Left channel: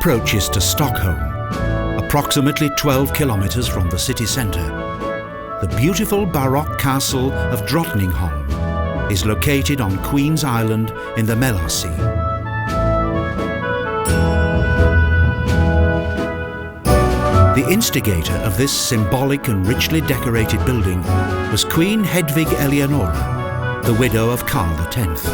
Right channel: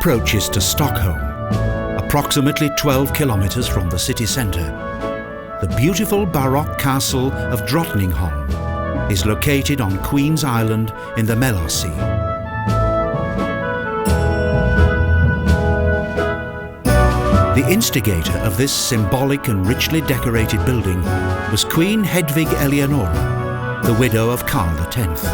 approaches to Stockholm, approximately 12 kilometres from the city centre, the beautiful Baroque castle of Drottningholm is located on Queen's Island in the Maelarsea. The instigator of this symbolic and richly decorated building was Queen Hedvig Eleonora, the widow of Karl X.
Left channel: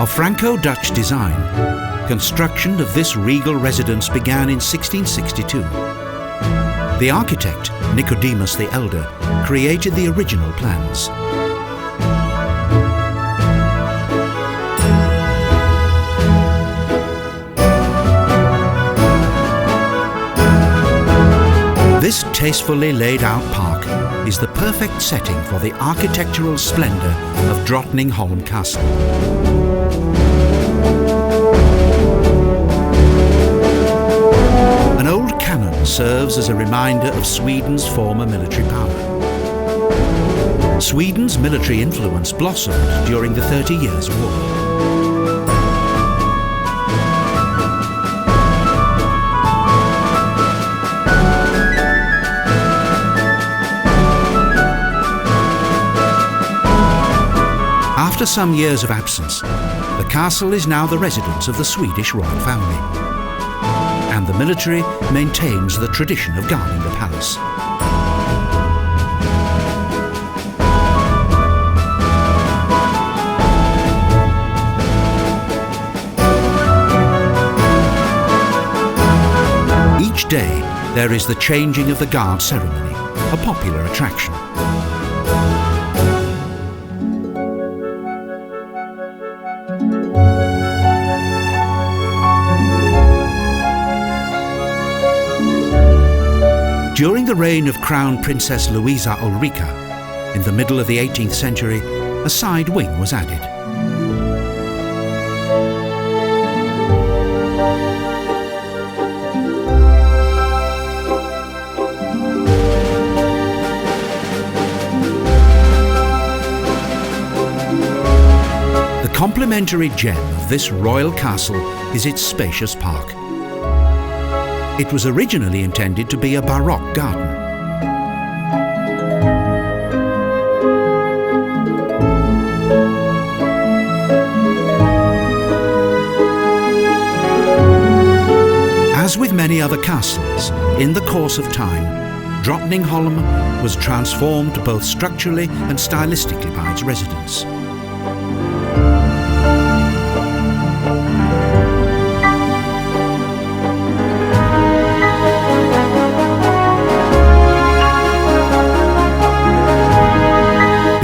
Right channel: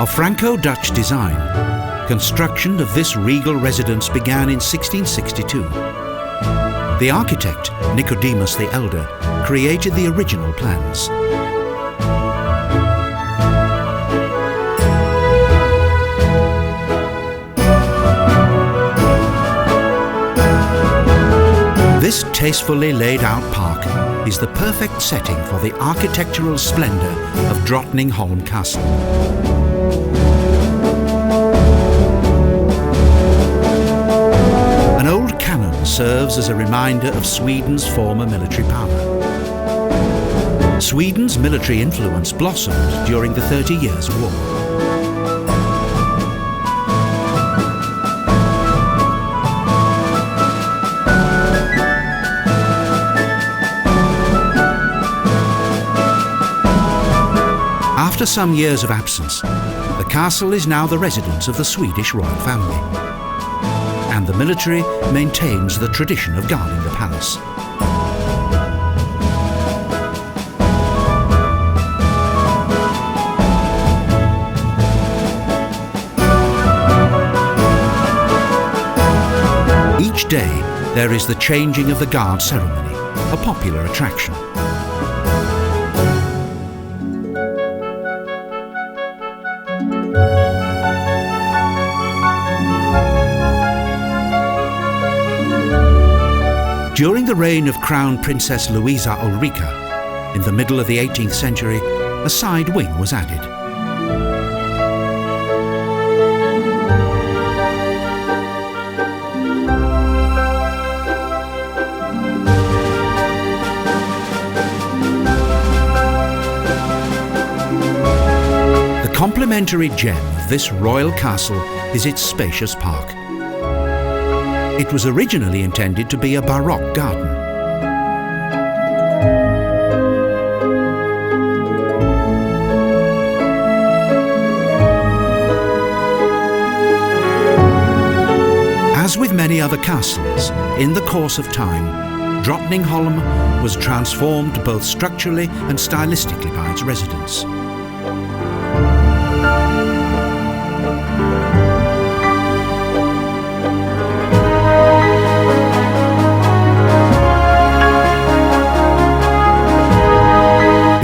Of Franco-Dutch design, construction of this regal residence began in 1662. The architect, Nicodemus the Elder, created the original plans. This tastefully laid out park is the perfect setting for the architectural splendour of Drottningholm Castle. An old cannon serves as a reminder of Sweden's former military power. Sweden's military influence blossomed during the 30 Years' War. After some years of absence, the castle is now the residence of the Swedish royal family, and the military maintains the tradition of guarding the palace. Each day there is the changing of the guard ceremony, a popular attraction. During the reign of Crown Princess Louisa Ulrika, in the middle of the 18th century, a side wing was added. The complementary gem of this royal castle is its spacious park. It was originally intended to be a Baroque garden. As with many other castles, in the course of time, Drottningholm was transformed both structurally and stylistically by its residents.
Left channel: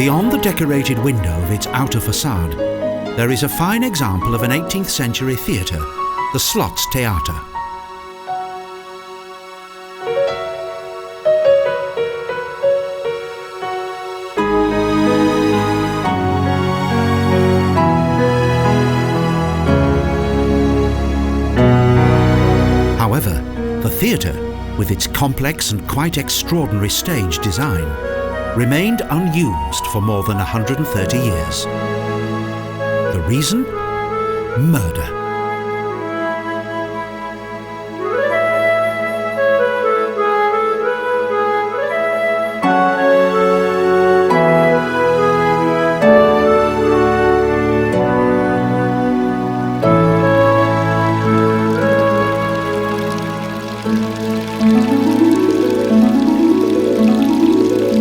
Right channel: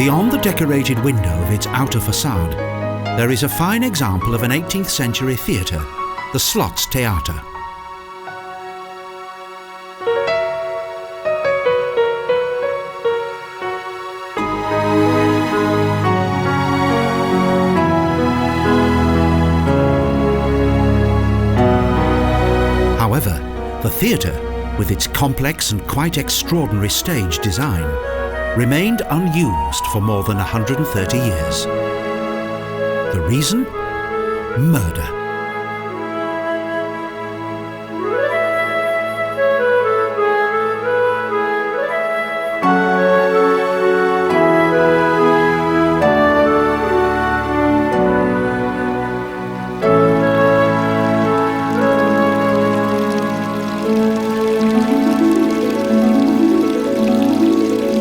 Beyond the decorated window of its outer facade, there is a fine example of an 18th century theatre, the Slott's Theatre. However, the theatre, with its complex and quite extraordinary stage design, remained unused for more than 130 years. The reason? Murder.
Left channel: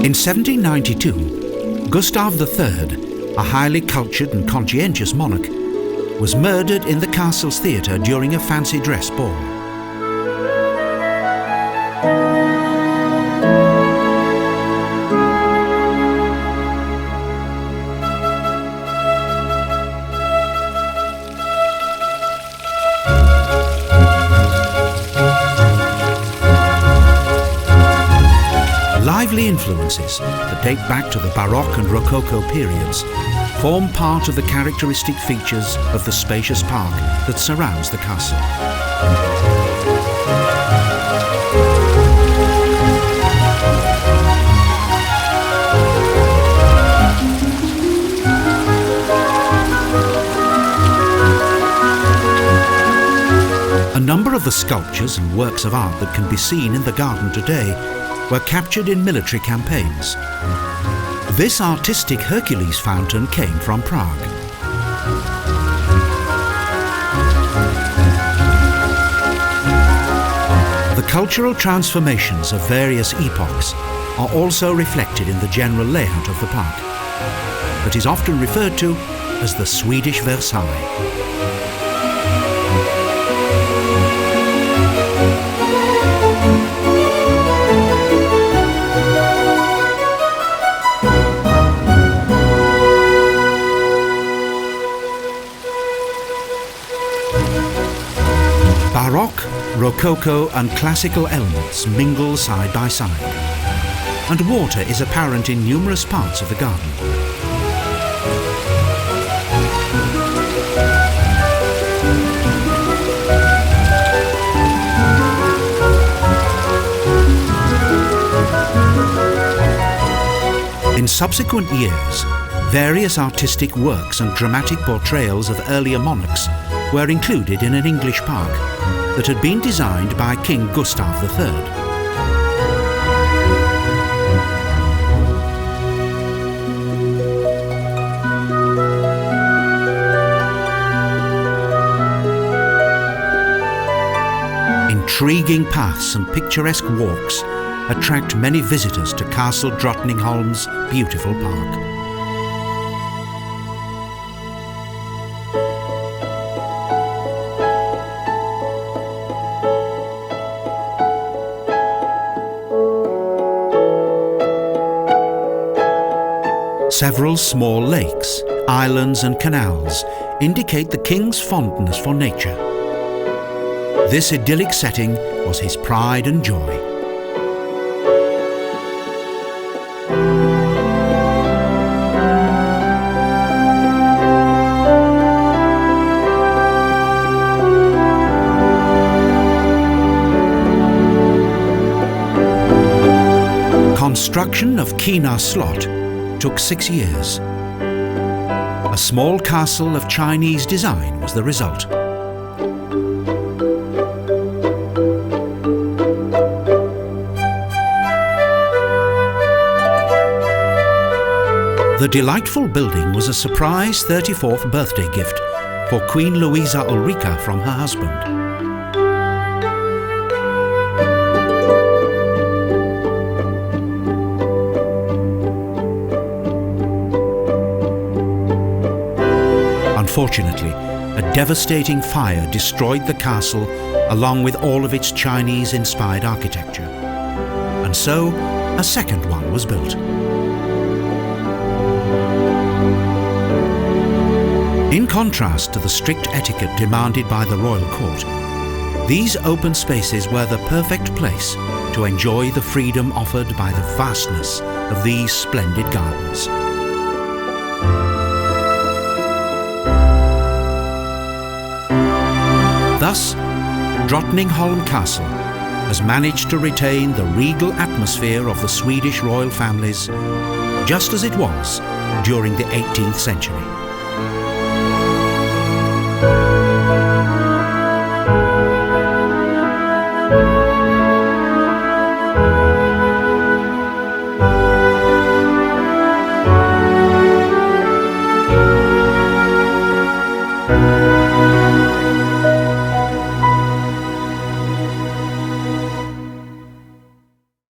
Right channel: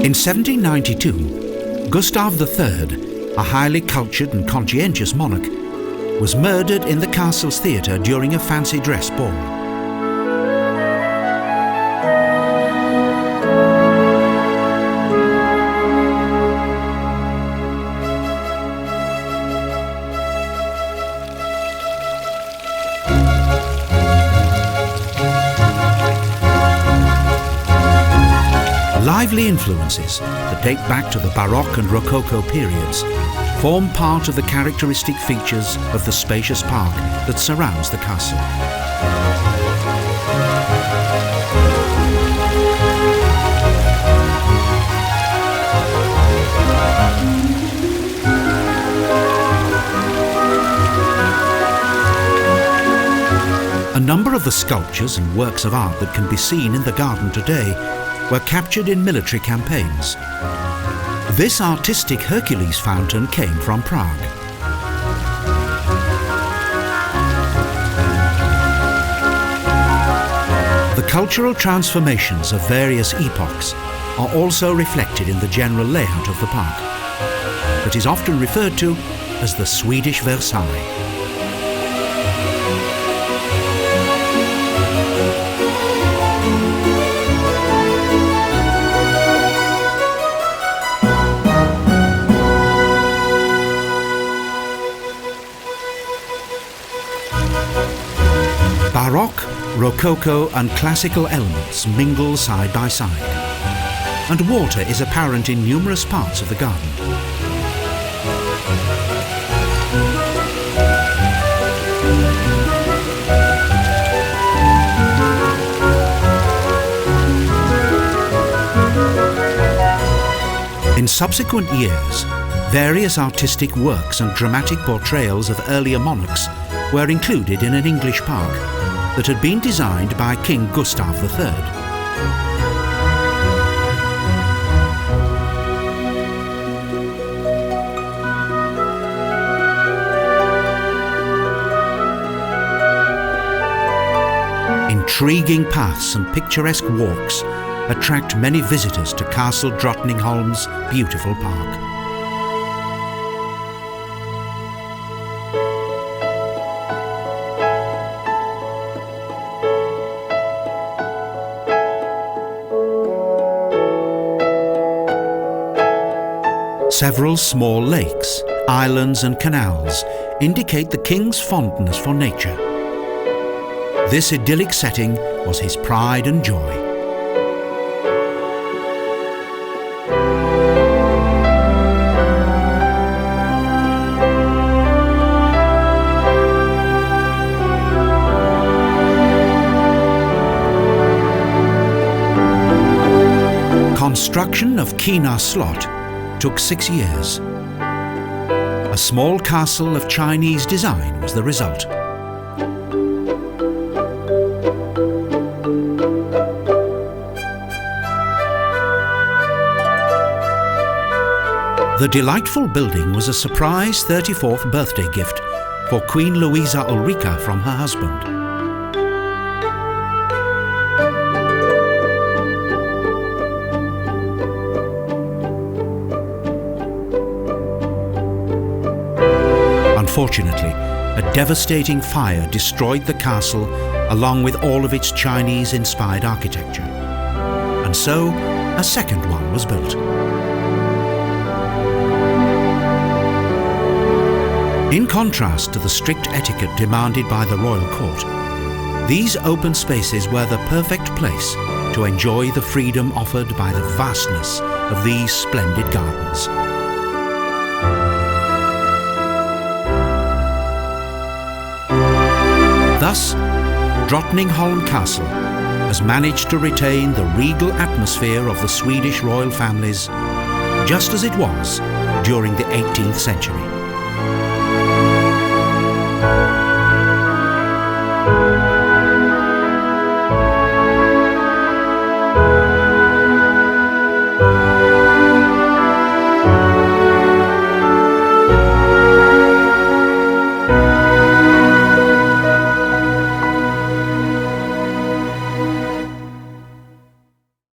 In 1792, Gustav III, a highly cultured and conscientious monarch, was murdered in the castle's theatre during a fancy dress ball. Lively influences that date back to the Baroque and Rococo periods form part of the characteristic features of the spacious park that surrounds the castle. A number of the sculptures and works of art that can be seen in the garden today were captured in military campaigns. This artistic Hercules fountain came from Prague. The cultural transformations of various epochs are also reflected in the general layout of the park, that is often referred to as the Swedish Versailles. Baroque, Rococo and classical elements mingle side by side, and water is apparent in numerous parts of the garden. In subsequent years, various artistic works and dramatic portrayals of earlier monarchs were included in an English park that had been designed by King Gustav III. Intriguing paths and picturesque walks attract many visitors to Castle Drottningholm's beautiful park. Several small lakes, islands and canals indicate the king's fondness for nature. This idyllic setting was his pride and joy. Construction of Drottningholm Slott took 6 years. A small castle of Chinese design was the result. The delightful building was a surprise 34th birthday gift for Queen Louisa Ulrika from her husband. Unfortunately, a devastating fire destroyed the castle along with all of its Chinese-inspired architecture. And so, a second one was built. In contrast to the strict etiquette demanded by the royal court, these open spaces were the perfect place to enjoy the freedom offered by the vastness of these splendid gardens. Thus, Drottningholm Castle has managed to retain the regal atmosphere of the Swedish royal families just as it was during the 18th century.